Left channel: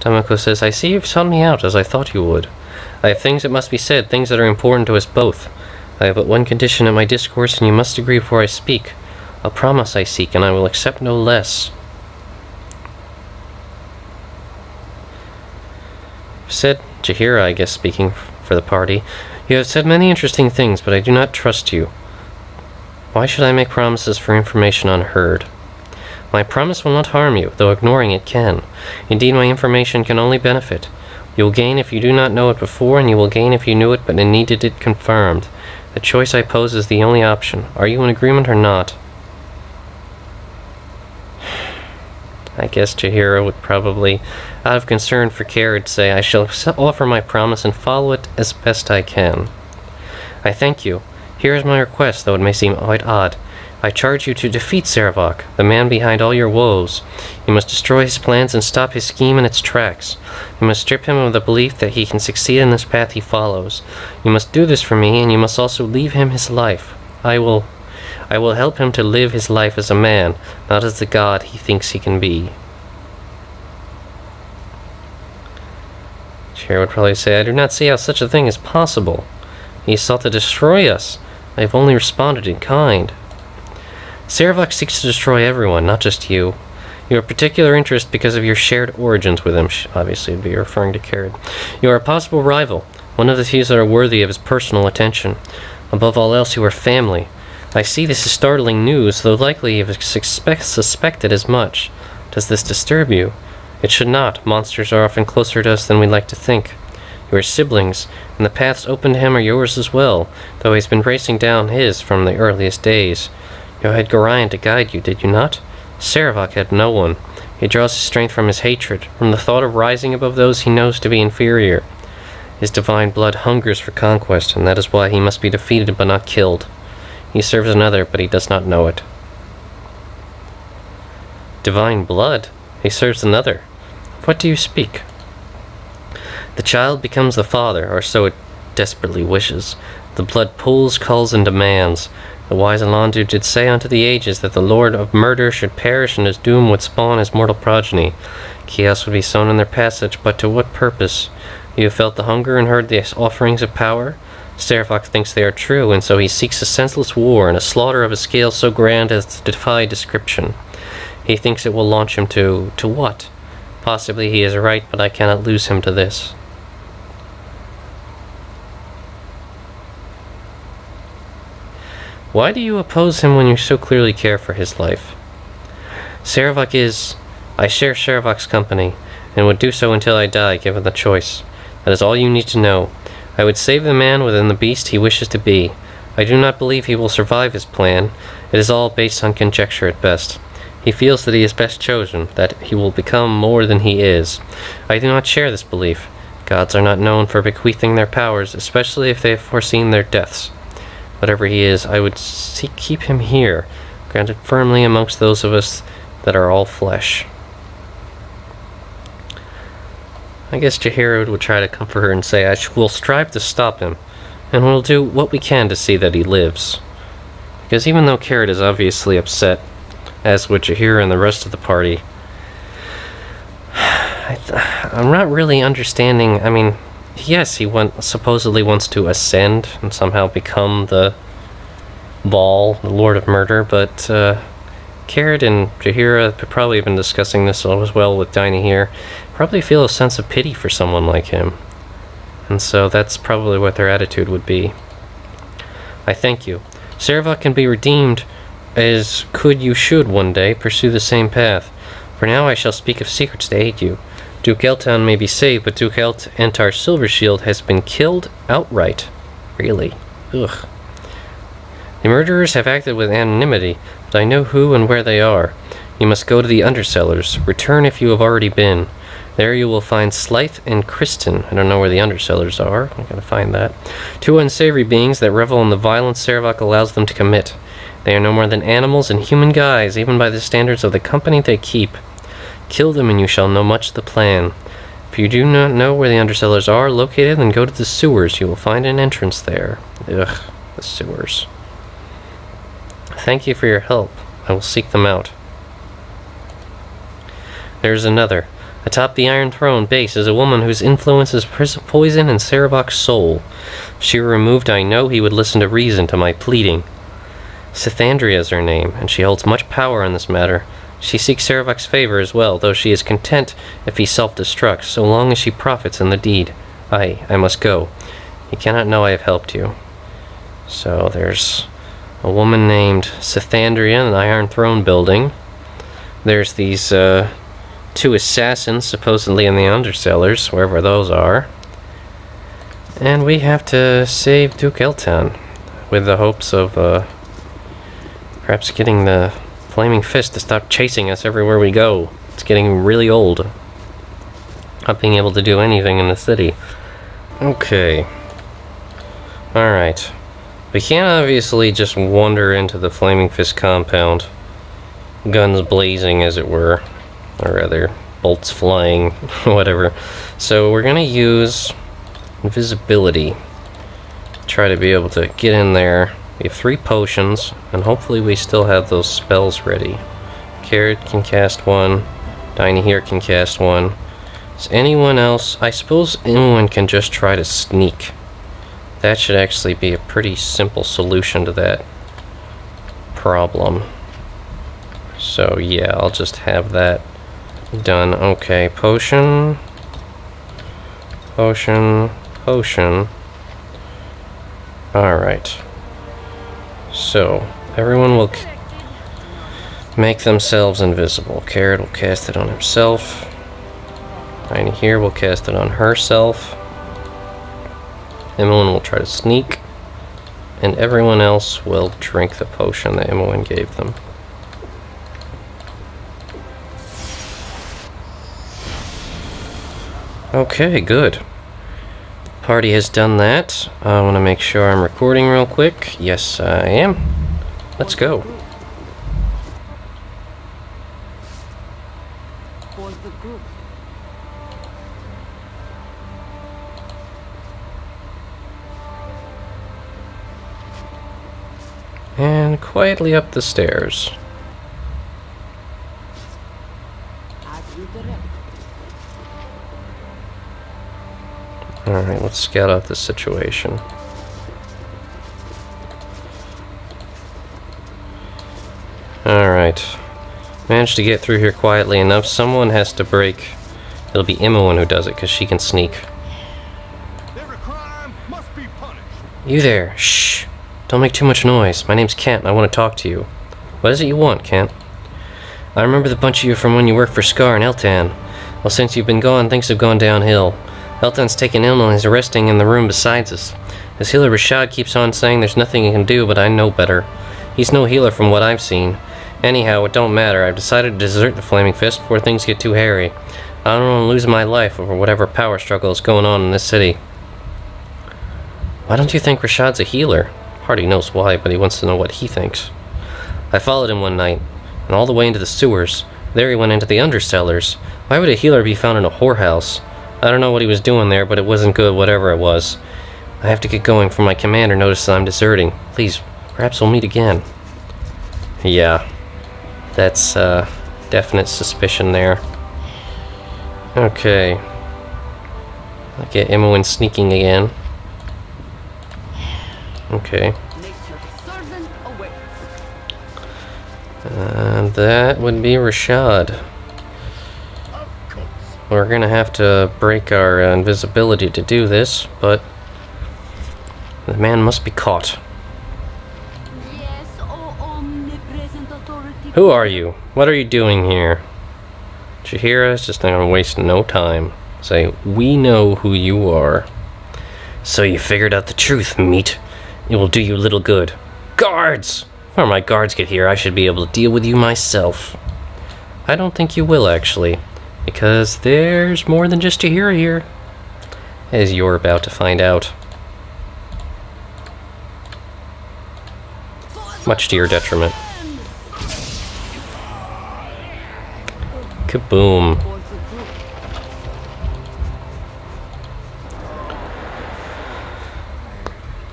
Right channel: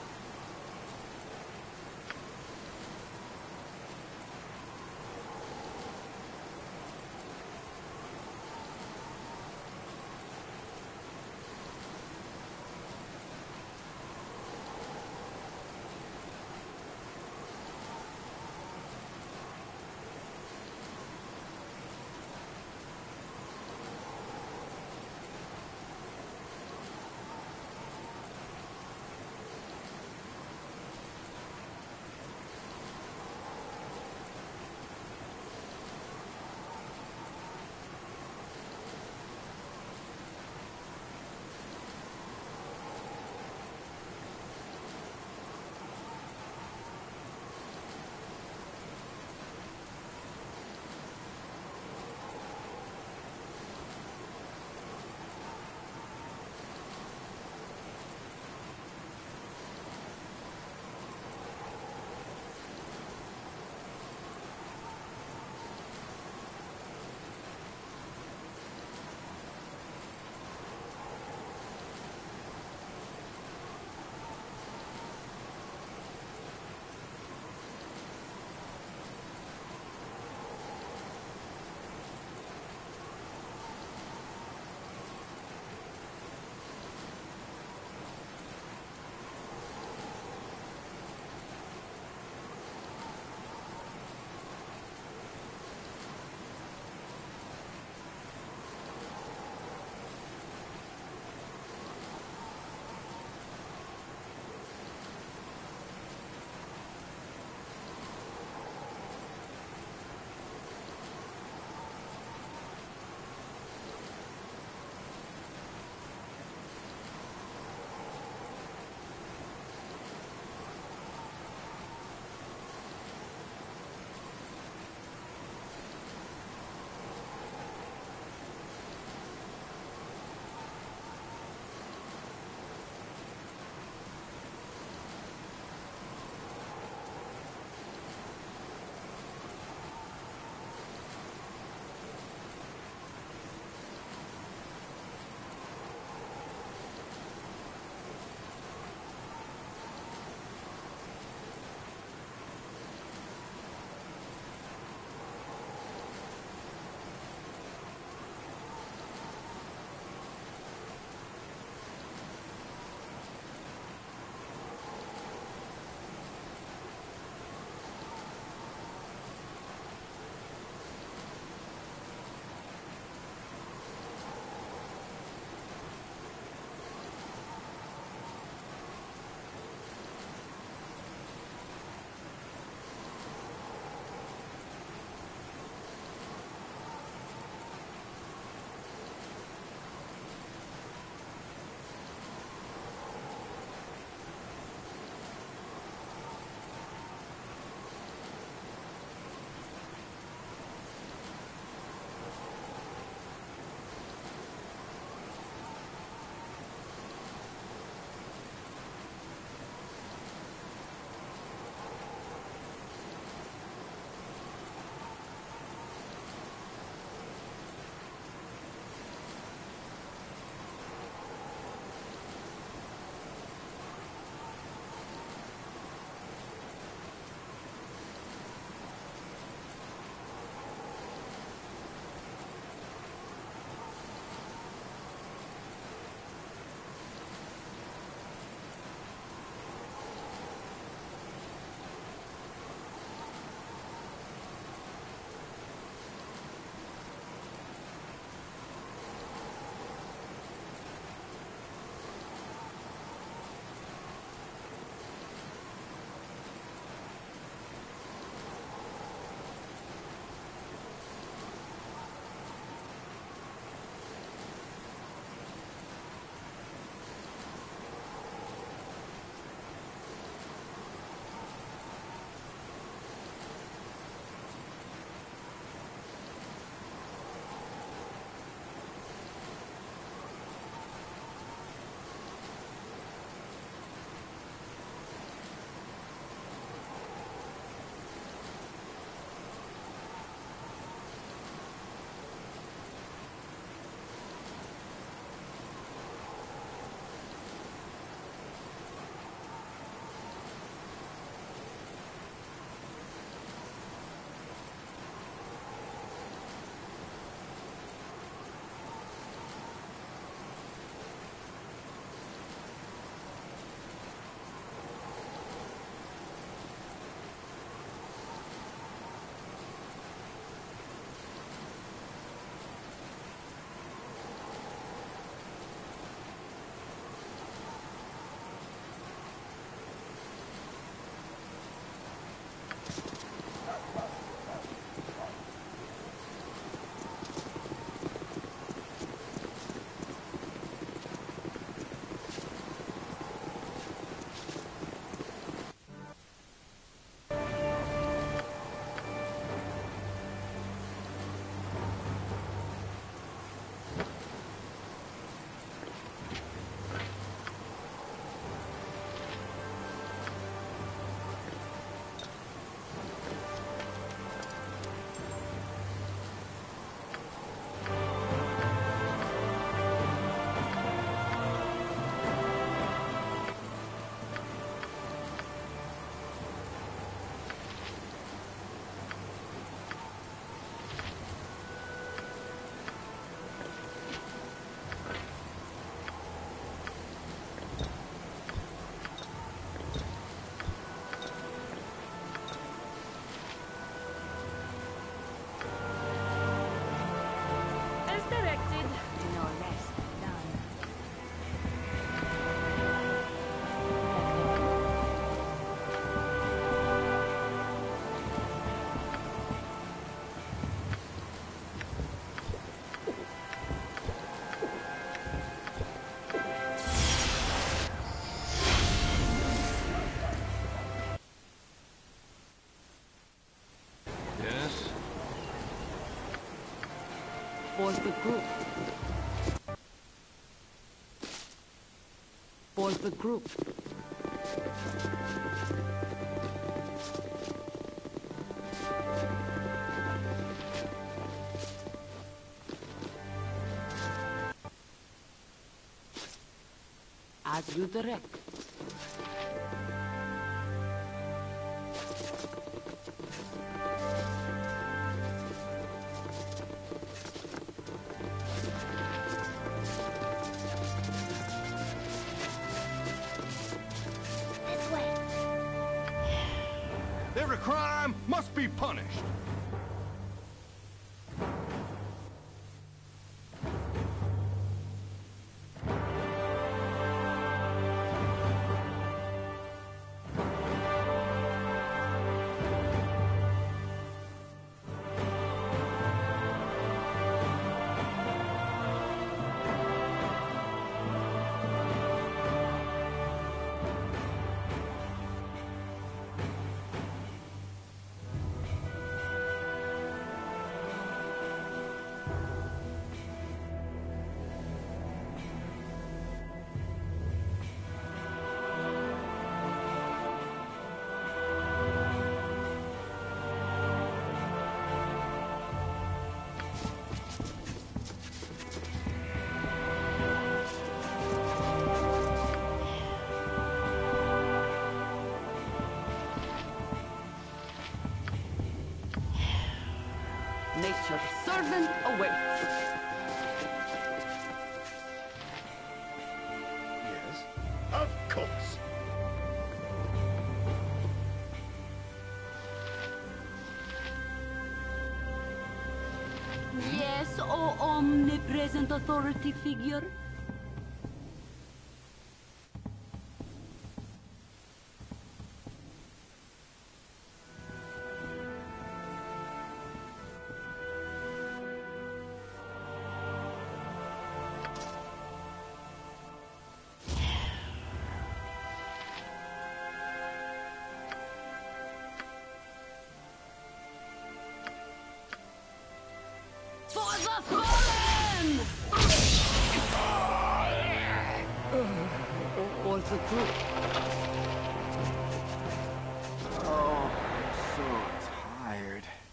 Tamoko says, I see you've sought me out, as I thought you would. I have things that must be said, things that are important to us both. I have but one condition in my discourse, and you must agree before I speak. A promise I seek, and I will accept no less. Said Jaheira, I guess, speaking for the party, you have said many interesting things, but I do not trust you. Why should I make promises for information unheard? My promise will not harm you, though ignoring it can. Indeed, my information can only benefit. You will gain if you do not know it before, and you will gain if you knew it but needed it confirmed. The choice I pose is the only option. Are you in agreement or not? I guess Jaheira would probably, out of concern for Kered, say, I shall offer my promise and follow it as best I can. I thank you. Here is my request, though it may seem quite odd. I charge you to defeat Sarevok, the man behind all your woes. You must destroy his plans and stop his scheme in its tracks. You must strip him of the belief that he can succeed in this path he follows. You must do this for me, and you must also leave him his life. I will help him to live his life as a man, not as the god he thinks he can be. Chair would probably say, I do not see how such a thing is possible. He sought to destroy us. I have only responded in kind. Sarevok seeks to destroy everyone, not just you. You have particular interest because of your shared origins with him. Obviously, would be referring to Kered. You are a possible rival, one of the few that are worthy of his personal attention. Above all else, you are family. I see this as startling news, though likely you have suspected as much. Does this disturb you? It should not. Monsters are often closer to us than we like to think. You are siblings, and the paths open to him are yours as well, though he's been racing down his from the earliest days. You had Gorion to guide you, did you not? Sarevok had no one. He draws his strength from his hatred, from the thought of rising above those he knows to be inferior. His divine blood hungers for conquest, and that is why he must be defeated but not killed. He serves another, but he does not know it. Divine blood? He serves another. Of what do you speak? The child becomes the father, or so it desperately wishes. The blood pulls, calls, and demands. The wise Baldur did say unto the ages that the Lord of Murder should perish and his doom would spawn his mortal progeny. Chaos would be sown in their passage, but to what purpose? You have felt the hunger and heard the offerings of power? Sarevok thinks they are true, and so he seeks a senseless war and a slaughter of a scale so grand as to defy description. He thinks it will launch him to what? Possibly he is right, but I cannot lose him to this. Why do you oppose him when you so clearly care for his life? Sarevok is... I share Sarevok's company, and would do so until I die, given the choice. That is all you need to know. I would save the man within the beast he wishes to be. I do not believe he will survive his plan. It is all based on conjecture at best. He feels that he is best chosen, that he will become more than he is. I do not share this belief. Gods are not known for bequeathing their powers, especially if they have foreseen their deaths. Whatever he is, I would keep him here, granted firmly amongst those of us that are all flesh. I guess Jaheira would try to comfort her and say, we'll strive to stop him, and we'll do what we can to see that he lives. Because even though Kered is obviously upset, as with Jaheira and the rest of the party, I'm not really understanding. I mean, yes, he supposedly wants to ascend and somehow become the Baal, the Lord of Murder, but Kered and Jaheira have probably been discussing this as well with Dinah here. Probably feel a sense of pity for someone like him. And so that's probably what their attitude would be. I thank you. Sarevok can be redeemed as you should one day pursue the same path. For now I shall speak of secrets to aid you. Duke Eltan may be saved, but Duke Eltar Silvershield has been killed outright. Really? Ugh. The murderers have acted with anonymity, but I know who and where they are. You must go to the undercellars. Return if you have already been. There you will find Slythe and Kristen. I don't know where the undercellars are. I'm gonna find that. Two unsavory beings that revel in the violence Sarevok allows them to commit. They are no more than animals in human guise, even by the standards of the company they keep. Kill them and you shall know much of the plan. If you do not know where the undercellars are located, then go to the sewers. You will find an entrance there. Ugh, the sewers. Thank you for your help. I will seek them out. There is another. Atop the Iron Throne base is a woman whose influence is poison in Sarevok's soul. If she were removed, I know he would listen to reason to my pleading. Cythandria is her name, and she holds much power in this matter. She seeks Sarevok's favor as well, though she is content if he self-destructs, so long as she profits in the deed. I must go. He cannot know I have helped you. So there's a woman named Cythandria in the Iron Throne building. There's these two assassins supposedly in the Undercellars, wherever those are. And we have to save Duke Eltan with the hopes of perhaps getting the Flaming Fist to stop chasing us everywhere we go. It's getting really old. Not being able to do anything in the city. Okay. Alright. We can't obviously just wander into the Flaming Fist compound. Guns blazing, as it were. Or rather, bolts flying, whatever. So we're gonna use invisibility. Try to be able to get in there. We have 3 potions, and hopefully we still have those spells ready. Kered can cast 1. Tiny here can cast 1. Is anyone else? I suppose anyone can just try to sneak. That should actually be a pretty simple solution to that problem. So yeah, I'll just have that done. Okay, potion. Potion. Potion. Alright. So, everyone will make themselves invisible. Kered will cast it on himself. Tiny here will cast it on herself. Imoen will try to sneak. And everyone else will drink the potion that Imoen gave them. Okay, good. Party has done that. I want to make sure I'm recording real quick. Yes, I am. Let's go. For the group. And quietly up the stairs. As you direct. Alright, let's scout out this situation. Alright. Managed to get through here quietly enough. Someone has to break. It'll be Imoen who does it, because she can sneak. Every crime must be punished. You there. Shh. Don't make too much noise. My name's Kent, and I want to talk to you. What is it you want, Kent? I remember the bunch of you from when you worked for Scar and Eltan. Well, since you've been gone, things have gone downhill. Eltan's taken ill and is resting in the room beside us. His healer Rashad keeps on saying there's nothing he can do, but I know better. He's no healer from what I've seen. Anyhow, it don't matter. I've decided to desert the Flaming Fist before things get too hairy. I don't want to lose my life over whatever power struggle is going on in this city. Why don't you think Rashad's a healer? Hardly knows why, but he wants to know what he thinks. I followed him one night, and all the way into the sewers. There he went into the Undercellars. Why would a healer be found in a whorehouse? I don't know what he was doing there, but it wasn't good, whatever it was. I have to get going before my commander notices I'm deserting. Please, perhaps we'll meet again. Yeah, that's definite suspicion there. Okay. I get Imoen sneaking again. Okay. Nature's servant awaits. And that would be Rashad. Of course. We're gonna have to break our invisibility to do this, but the man must be caught. Yes, oh omnipresent authority. Who are you? What are you doing here? Did you hear us? Just not gonna waste no time. Say, we know who you are. So you figured out the truth, meat. It will do you little good. Guards! Before my guards get here, I should be able to deal with you myself. I don't think you will, actually. Because there's more than just a hero here. As you're about to find out. Much to your detriment. Kaboom. For the group.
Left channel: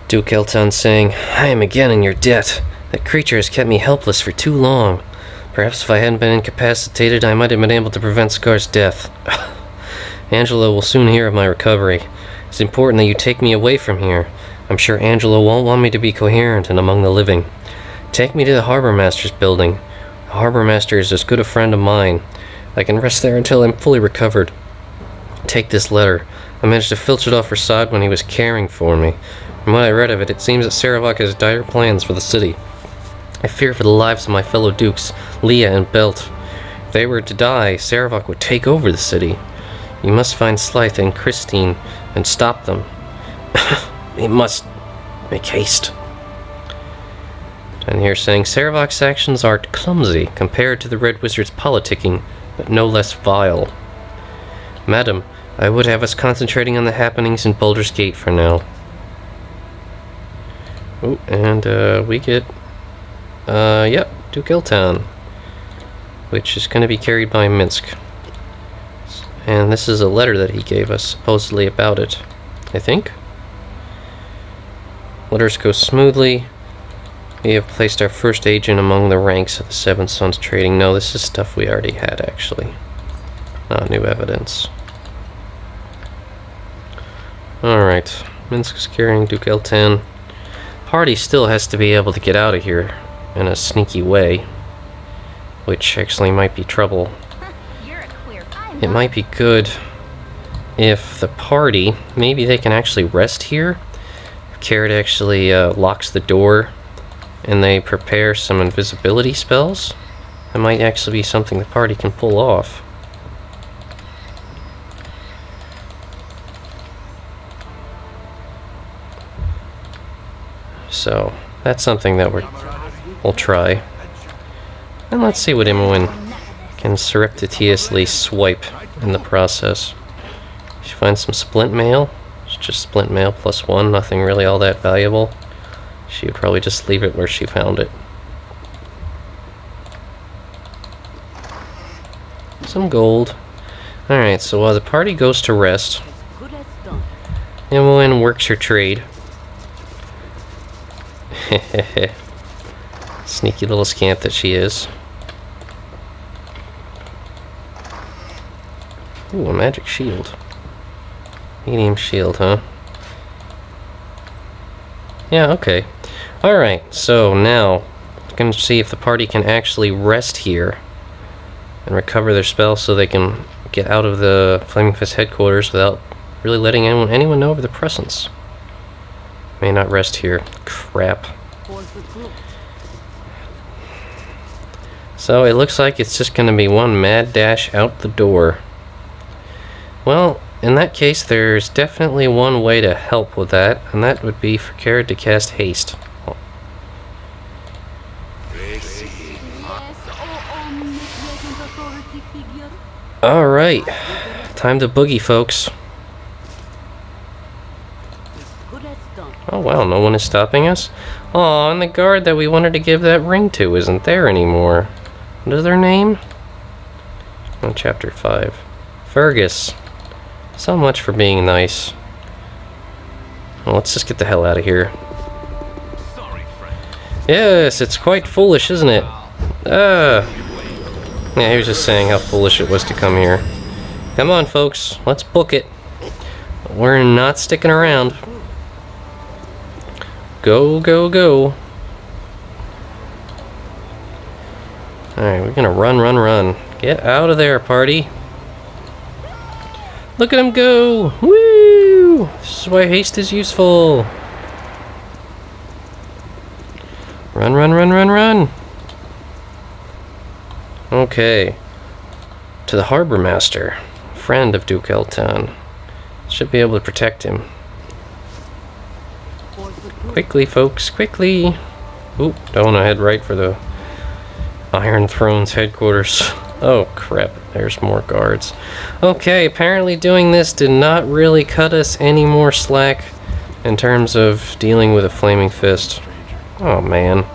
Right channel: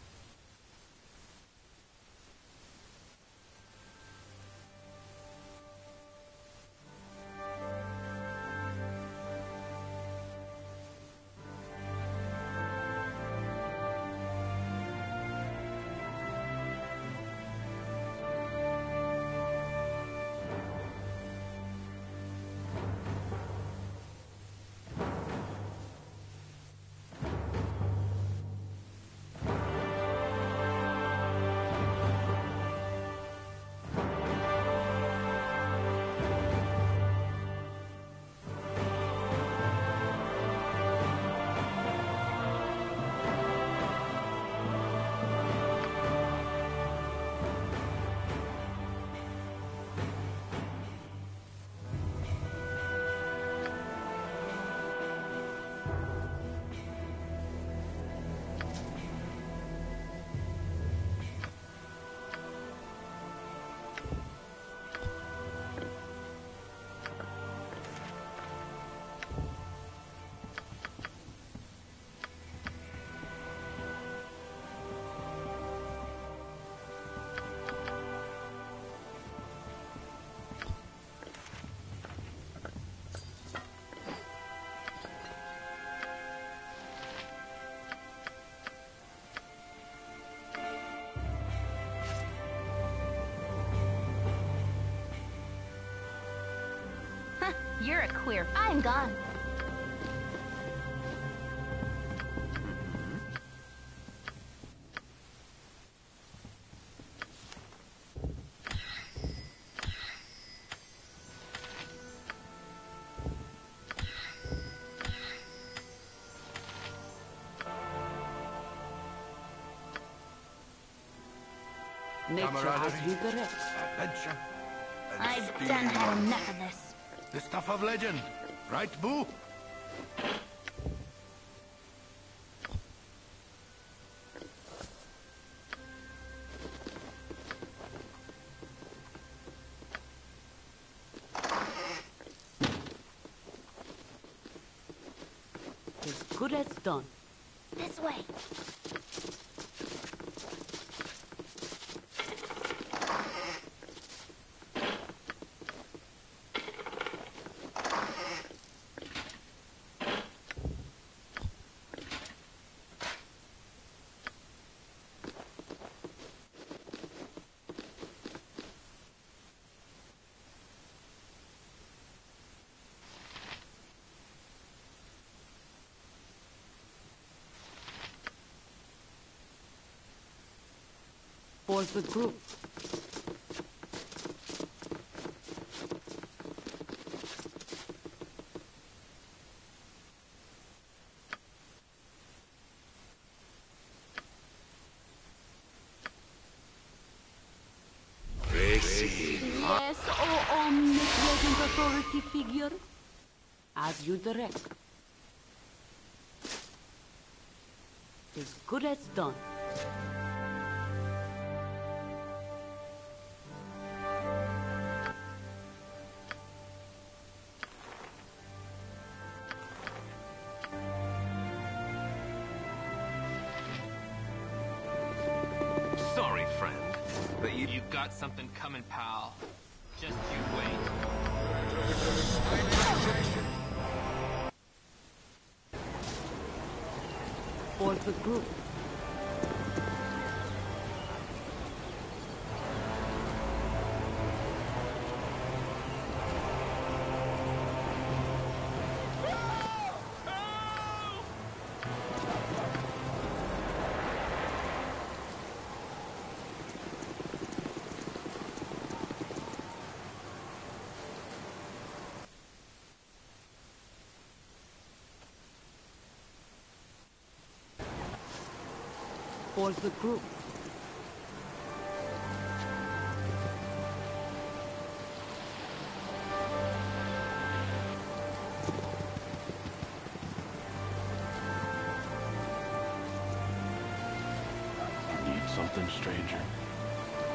Duke Eltan saying, I am again in your debt. That creature has kept me helpless for too long. Perhaps if I hadn't been incapacitated, I might have been able to prevent Scar's death. Angelo will soon hear of my recovery. It's important that you take me away from here. I'm sure Angelo won't want me to be coherent and among the living. Take me to the Harbor Master's building. The Harbor Master is as good a friend of mine. I can rest there until I'm fully recovered. Take this letter. I managed to filch it off Rasad when he was caring for me. From what I read of it, it seems that Sarevok has dire plans for the city. I fear for the lives of my fellow dukes, Leah and Belt. If they were to die, Sarevok would take over the city. You must find Slythe and Christine and stop them. We must make haste. And here saying, Sarevok's actions are clumsy compared to the Red Wizard's politicking, but no less vile. Madam, I would have us concentrating on the happenings in Baldur's Gate for now. Oh, and we get, yep, Duke Eltan, which is going to be carried by Minsk. And this is a letter that he gave us, supposedly about it, I think. Letters go smoothly. We have placed our first agent among the ranks of the Seven Sons Trading. No, this is stuff we already had, actually. Not new evidence. Alright, Minsk is carrying Duke Eltan. Party still has to be able to get out of here in a sneaky way, which actually might be trouble. You're a queer. It might be good if the party, maybe they can actually rest here. If Kered actually locks the door and they prepare some invisibility spells, that might actually be something the party can pull off. So, that's something that we'll try. And let's see what Imoen can surreptitiously swipe in the process. She finds some splint mail. It's just splint mail +1, nothing really all that valuable. She would probably just leave it where she found it. Some gold. Alright, so while the party goes to rest, As good as done. Imoen works her trade. Sneaky little scamp that she is. Ooh, a magic shield. Medium shield, huh? Yeah, okay. Alright, so now I'm going to see if the party can actually rest here and recover their spells so they can get out of the Flaming Fist headquarters without really letting anyone know of their presence. May not rest here. Crap. For the group. So it looks like it's just going to be one mad dash out the door. Well, in that case, there's definitely one way to help with that, and that would be for Kered to cast haste. Yes, oh omnipresent authority figure. Alright, As you direct. time to boogie, folks. As good as done. Oh wow, no one is stopping us? Aw, and the guard that we wanted to give that ring to isn't there anymore. What is their name? Oh, chapter 5. Fergus. So much for being nice. Well, let's just get the hell out of here. Sorry, friend. Yes, it's quite foolish, isn't it? Yeah, he was just saying how foolish it was to come here. Come on, folks, let's book it. We're not sticking around. Go, go, go. Alright, we're gonna run. Get out of there, party. Look at him go! Woo! This is why haste is useful. Run. Okay. To the Harbor Master, friend of Duke Eltan. Should be able to protect him. For the group. Quickly, folks, quickly! Oop, don't want to head right for the Iron Throne's headquarters. Oh, crap. There's more guards. Okay, apparently doing this did not really cut us any more slack in terms of dealing with a Flaming Fist. Oh, man.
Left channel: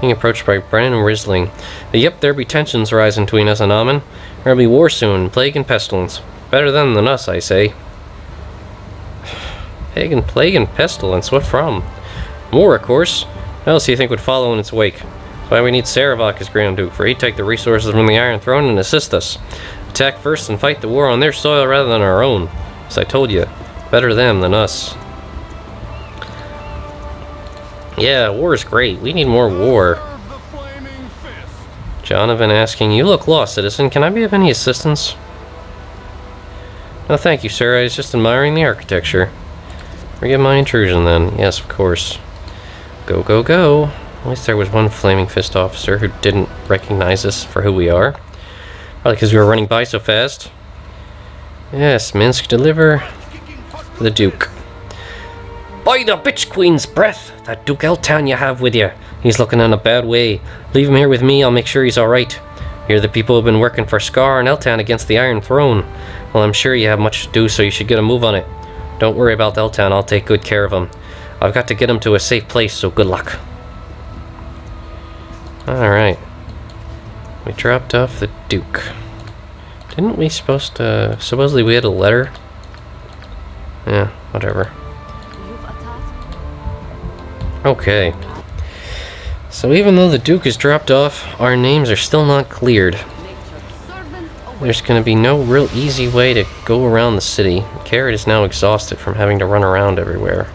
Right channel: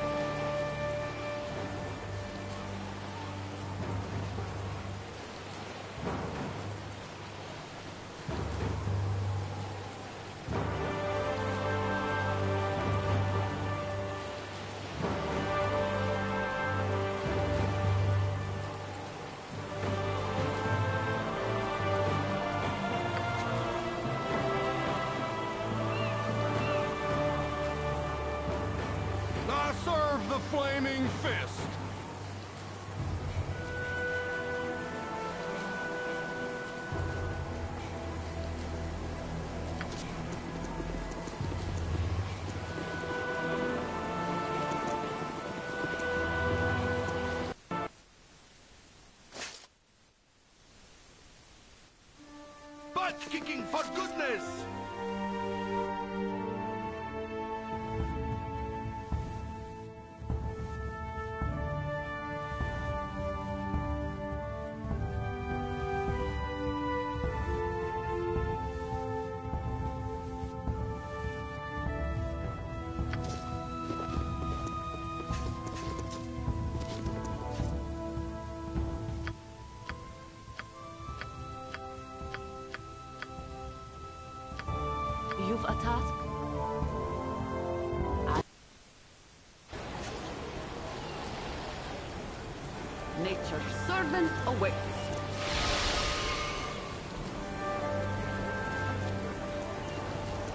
Being approached by Brennan and Risling. Yep, there be tensions rising between us and Amen. There'll be war soon, plague and pestilence. Better them than us, I say. Plague and pestilence, what from? War, of course. What else do you think would follow in its wake? Why we need Sarevok as Grand Duke, for he'd take the resources from the Iron Throne and assist us. Attack first and fight the war on their soil rather than our own. As I told you, better them than us. Yeah, war is great. We need more war. Serve the flaming fist. Jonathan asking, you look lost, citizen. Can I be of any assistance? No, thank you, sir. I was just admiring the architecture. Forgive my intrusion, then. Yes, of course. Go, go, go. At least there was one Flaming Fist officer who didn't recognize us for who we are. Probably because we were running by so fast. Yes, Minsk, deliver the Duke. By the bitch queen's breath! That Duke Eltan you have with you. He's looking in a bad way. Leave him here with me, I'll make sure he's alright. You're the people who've been working for Scar and Eltan against the Iron Throne. Well, I'm sure you have much to do, so you should get a move on it. Don't worry about Eltan, I'll take good care of him. I've got to get him to a safe place, so good luck. Alright. We dropped off the Duke. Didn't we supposedly we had a letter? Yeah, whatever. You've a task? Okay. So even though the Duke is dropped off, our names are still not cleared. Nature's servant awaits. There's gonna be no real easy way to go around the city. Kered is now exhausted from having to run around everywhere.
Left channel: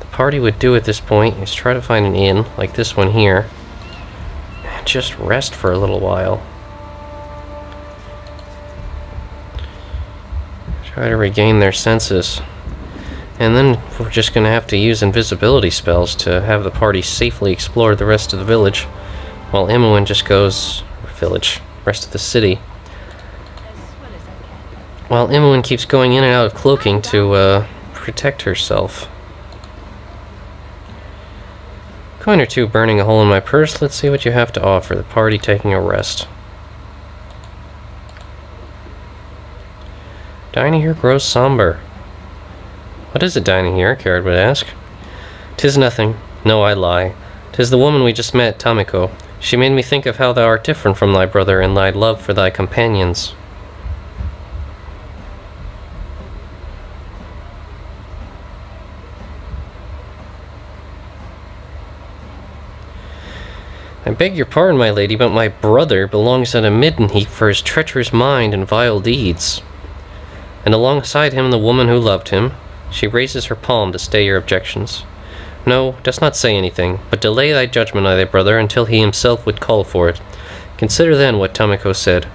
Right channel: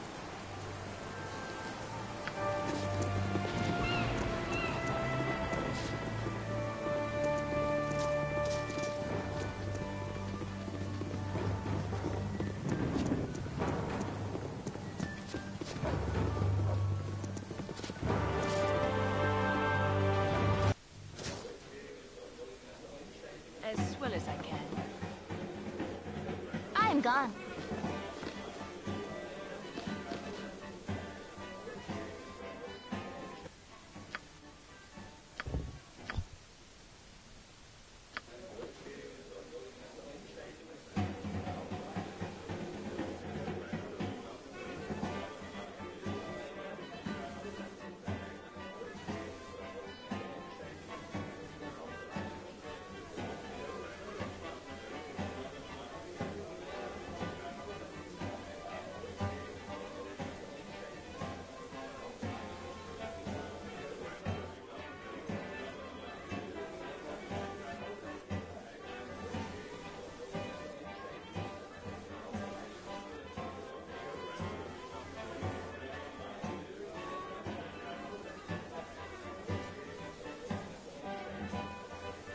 The party would do at this point is try to find an inn, like this one here, and just rest for a little while. Try to regain their senses. And then we're just gonna have to use invisibility spells to have the party safely explore the rest of the village, while Imoen just goes... rest of the city. As well as I can. While Imoen keeps going in and out of cloaking to, protect herself. Coin or two burning a hole in my purse. Let's see what you have to offer. The party taking a rest. Dining here grows somber. What is it dining here? Kered would ask. 'Tis nothing. No, I lie. 'Tis the woman we just met, Tamoko. She made me think of how thou art different from thy brother and thy love for thy companions. I beg your pardon, my lady, but my brother belongs at a midden heap for his treacherous mind and vile deeds. And alongside him the woman who loved him. She raises her palm to stay your objections. No, dost not say anything, but delay thy judgment on thy brother until he himself would call for it. Consider then what Tamoko said.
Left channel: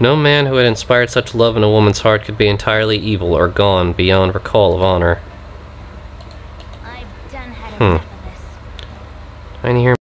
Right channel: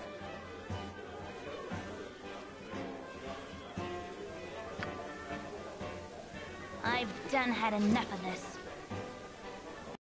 No man who had inspired such love in a woman's heart could be entirely evil or gone beyond recall of honor. I've done had enough of this. I hear